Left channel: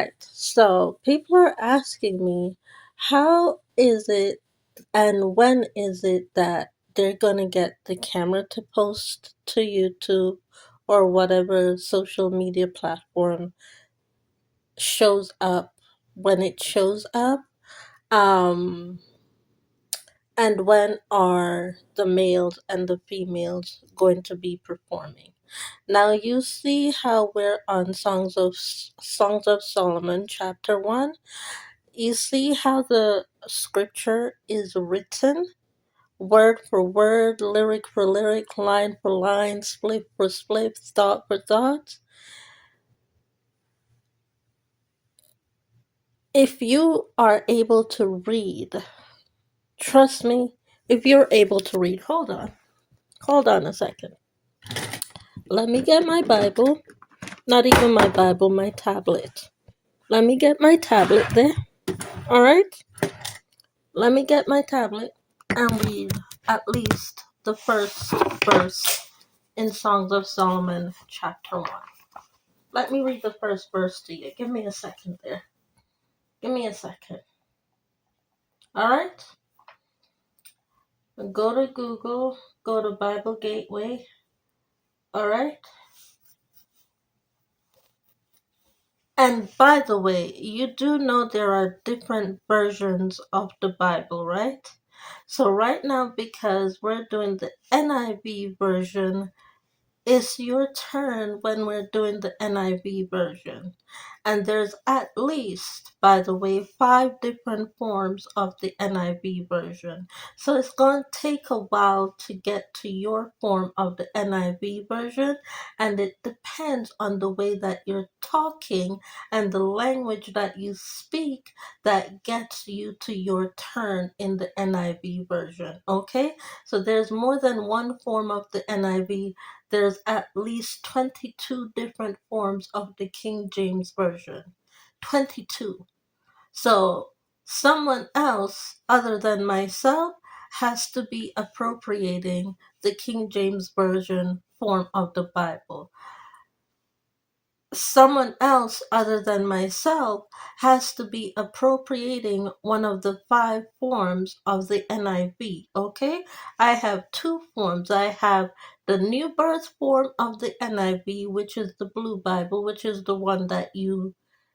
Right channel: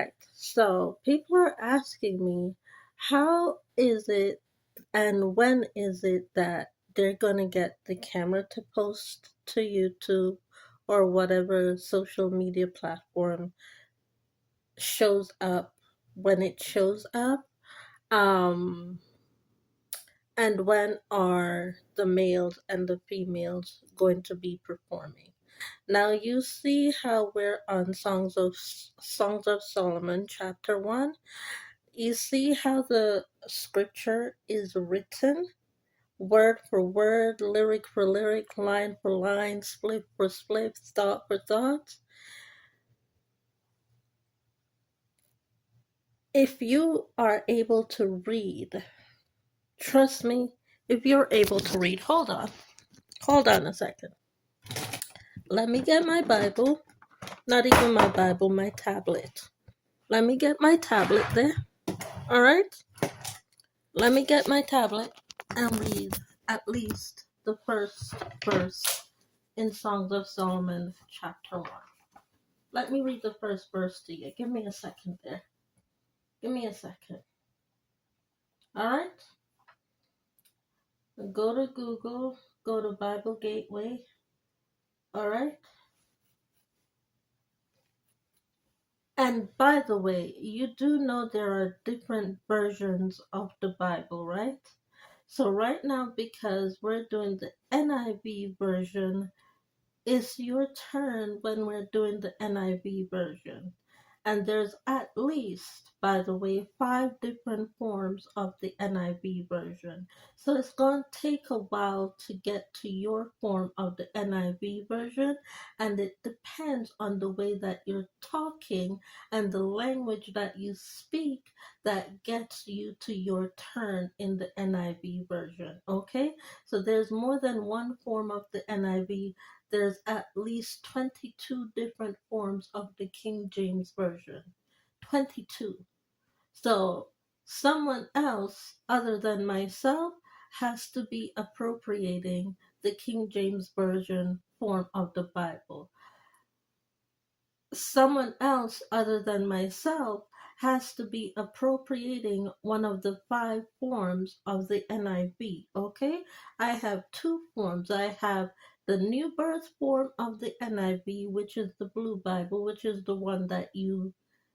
right. So people are asking me, how is it and when is it that they're gonna get the camera to post to YouTube or whatever social media platform shows up when it shows up? Um, and when are the males and the females going to be performing? Now you see how we're on Songs of Solomon chapter 1. You see how the scripture is written word for word, lyric for lyric, line for line, split for split, thought for thought. If you are able to read, trust me, if you're able to read, hold on a second. Let me get my Bible, not even my Bible, my tablet. Let me get my tablet there, all right? Let me get my tablet and read at least the first verse in Songs of Solomon, chapter 1. Let me read the first verse to you. Give me a second there. Give me a second. All right? Go to Google, go to Bible Gateway. All right? And by the way, you do know there are different versions of the Bible, right? So right now, because we're doing the NIV version, it's your turn when we're doing the NIV version. And there's at least, by the way, 5 different forms of the NIV version. So it's going to take a while to get to your form of the NIV version. And it depends on the way that you're talking and the language that you speak that gets you to your turn in the NIV version. Okay? So there's more than one form of the NIV. There's at least 22 different forms of the King James Version. 22. So someone else other than myself has to be appropriating the King James Version form of the Bible. Someone else other than myself has to be appropriating one of the 5 forms of the NIV. Okay? I have 2 forms. I have the New Birth form of the NIV, which is the Blue Bible, which is the one that you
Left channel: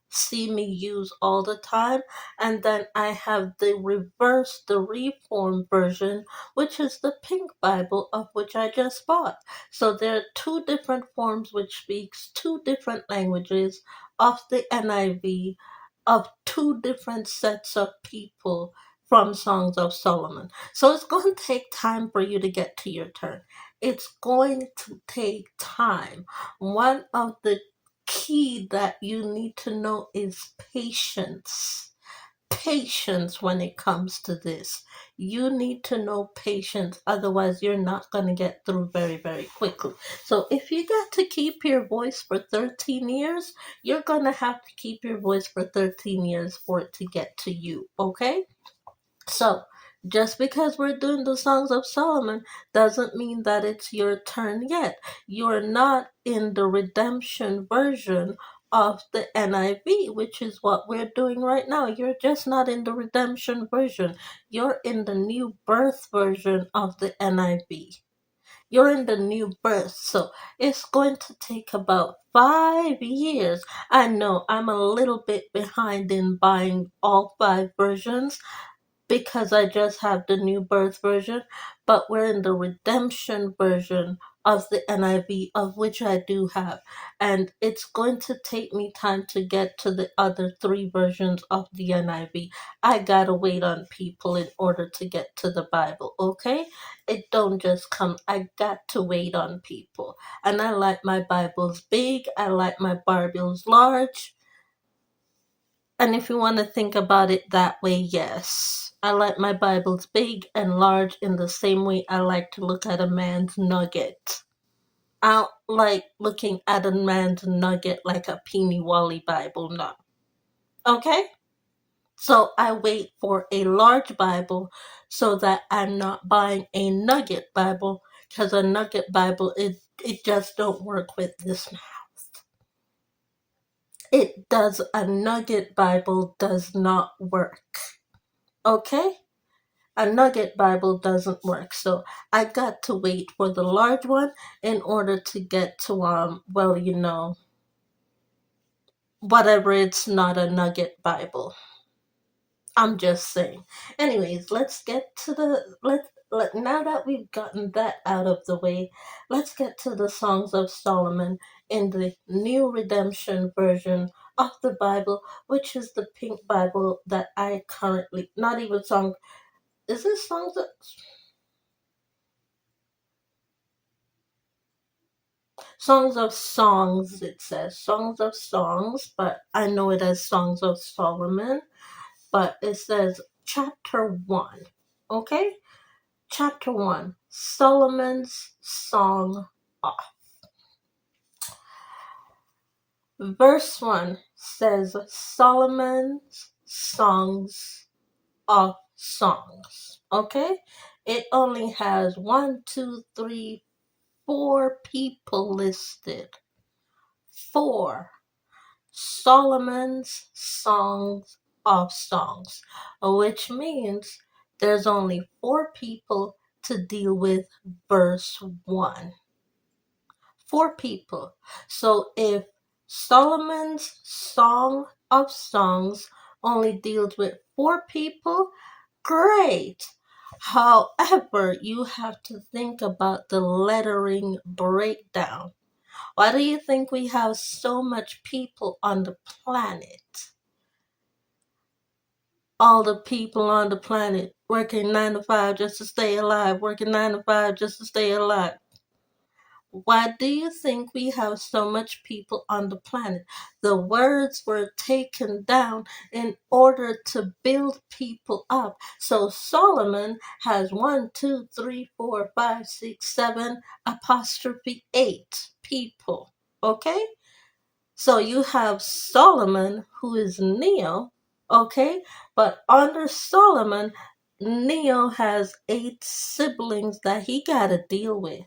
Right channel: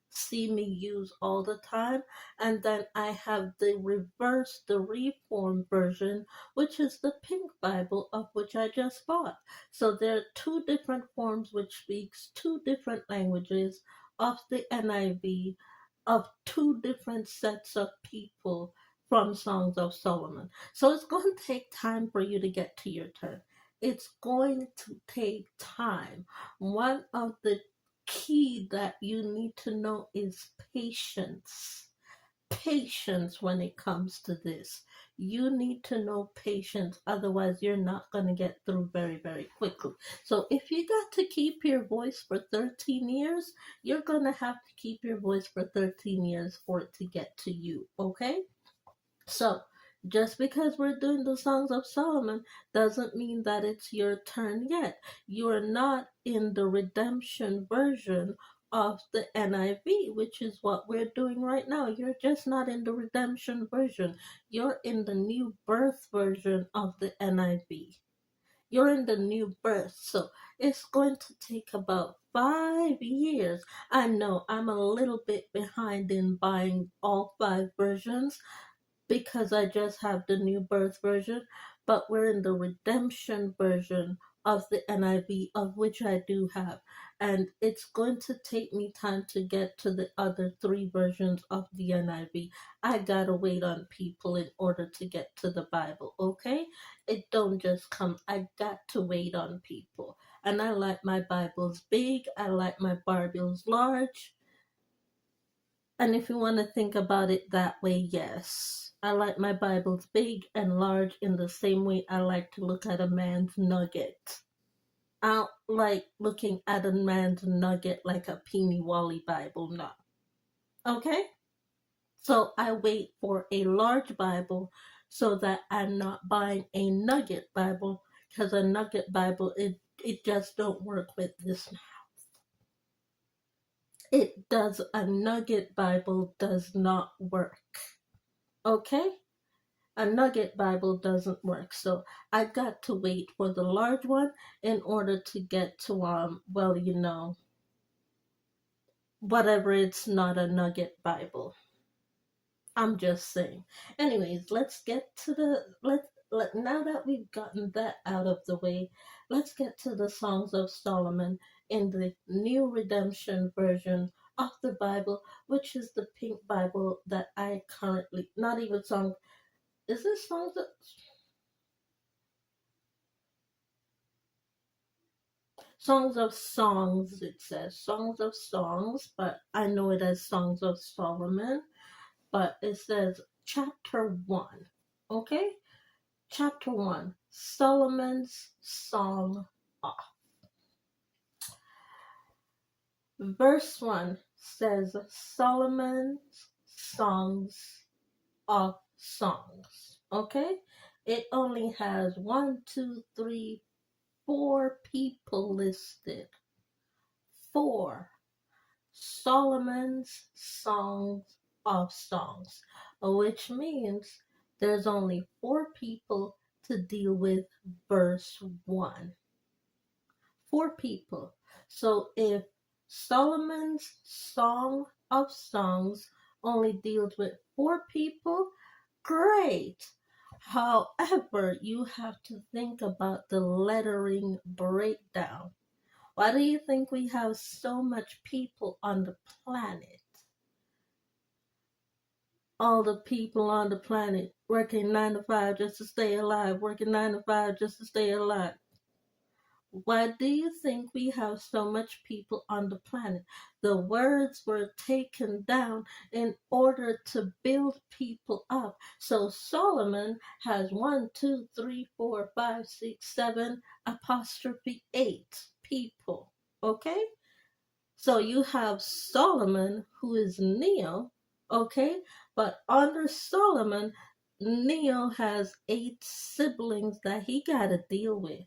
see me use all the time. And then I have the reform version, which is the Pink Bible, of which I just bought. So there are 2 different forms which speaks 2 different languages of the NIV of 2 different sets of people from Songs of Solomon. So it's going to take time for you to get to your turn. It's going to take time. One of the key that you need to know is patience. Patience when it comes to this. You need to know patience, otherwise, you're not going to get through very, very quickly. So, if you got to keep your voice for 13 years, you're going to have to keep your voice for 13 years for it to get to you, okay? So, just because we're doing the Songs of Solomon doesn't mean that it's your turn yet. You're not in the redemption version of the NIV, which is what we're doing right now. You're just not in the redemption version. You're in the new birth version of the NIV. You're in the new birth. So it's going to take about 5 years. I know I'm a little bit behind in buying all 5 versions because I just have the new birth version, but we're in the redemption version of the NIV, of which I do have. And it's going to take me time to get to the other 3 versions of the NIV. I gotta wait on people in order to get to the Bible, okay? It don't just come. I got to wait on people. And I like my Bibles big, I like my Bibles large. And if you want to think about it that way, yes. I like my Bibles big and large in the same way I like to look at a man's nugget. I don't like looking at a man's nugget like a Peeny Wally Bible, no. Okay? So I wait for a large Bible so that I'm not buying a nugget Bible, because a nugget Bible, it just don't work with this mouth. a nugget Bible does not work. Okay? A nugget Bible doesn't work. So I got to wait for the large one in order to get to whatever, it's not a nugget Bible. I'm just saying. Anyways, let's get to now that we've gotten that out of the way, let's get to the Songs of Solomon in the New Redemption Version of the Bible, which is the pink Bible that I currently, not even song, is this Songs of Songs, it says Songs of Songs, but I know it as Songs of Solomon, but it says chapter 1. Okay? Chapter 1, Solomon's Song Off. Verse 1 says Solomon's Songs of Songs. Okay? It only has 1, 2, 3, 4 people listed. 4. Solomon's Songs of Songs, which means there's only 4 people to deal with verse 1. 4 people. So if Solomon's Song of Songs only deals with 4 people, great. However, you have to think about the lettering breakdown. Why do you think we have so much people on the planet? All the people on the planet working 9 to 5 just to stay alive, working 9 to 5 just to stay alive. Why do you think we have so much people on the planet? The words were taken down in order to build people up. So Solomon has 1, 2, 3, 4, 5, 6, 7 apostrophe 8 people. Okay? So you have Solomon, who is Neo, okay? But under Solomon, Neo has 8 siblings that he got to deal with.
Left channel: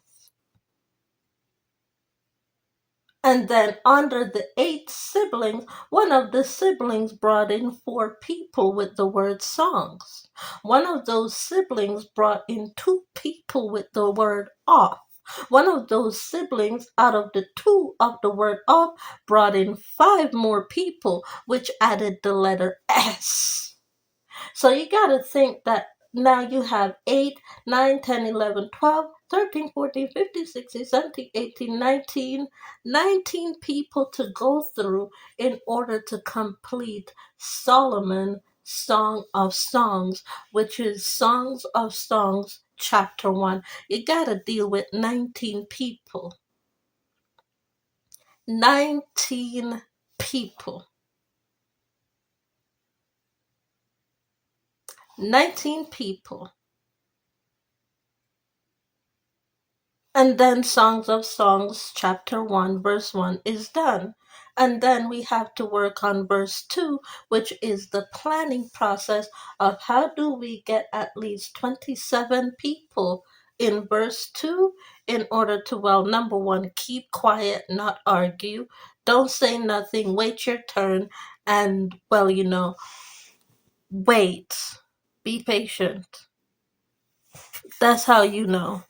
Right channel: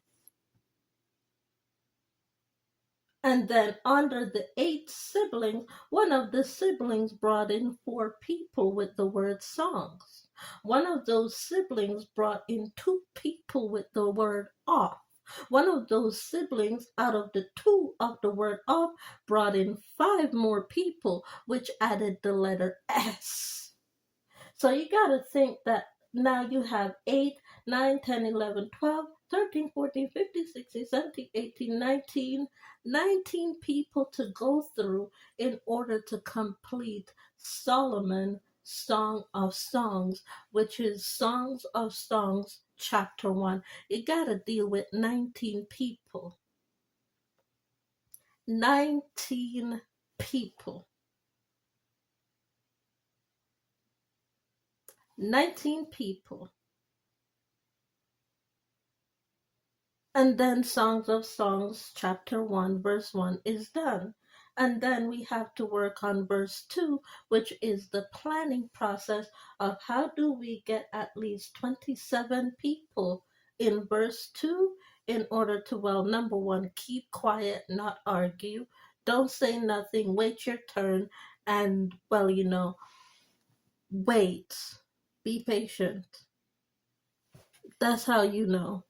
And then under the 8 siblings, one of the siblings brought in 4 people with the word songs. One of those siblings brought in 2 people with the word off. One of those siblings out of the 2 of the word off brought in 5 more people, which added the letter S. So you got to think that now you have 8, 9, 10, 11, 12, 13, 14, 15, 16, 17, 18, 19 people to go through in order to complete Solomon Song of Songs, which is Songs of Songs chapter 1. You got to deal with 19 people. 19 people. 19 people. And then Songs of Songs, chapter 1, verse 1 is done. And then we have to work on verse 2, which is the planning process of how do we get at least 27 people in verse 2 in order to, well, number 1, keep quiet, not argue. Don't say nothing, wait your turn, and, well, wait. Be patient. That's how you know.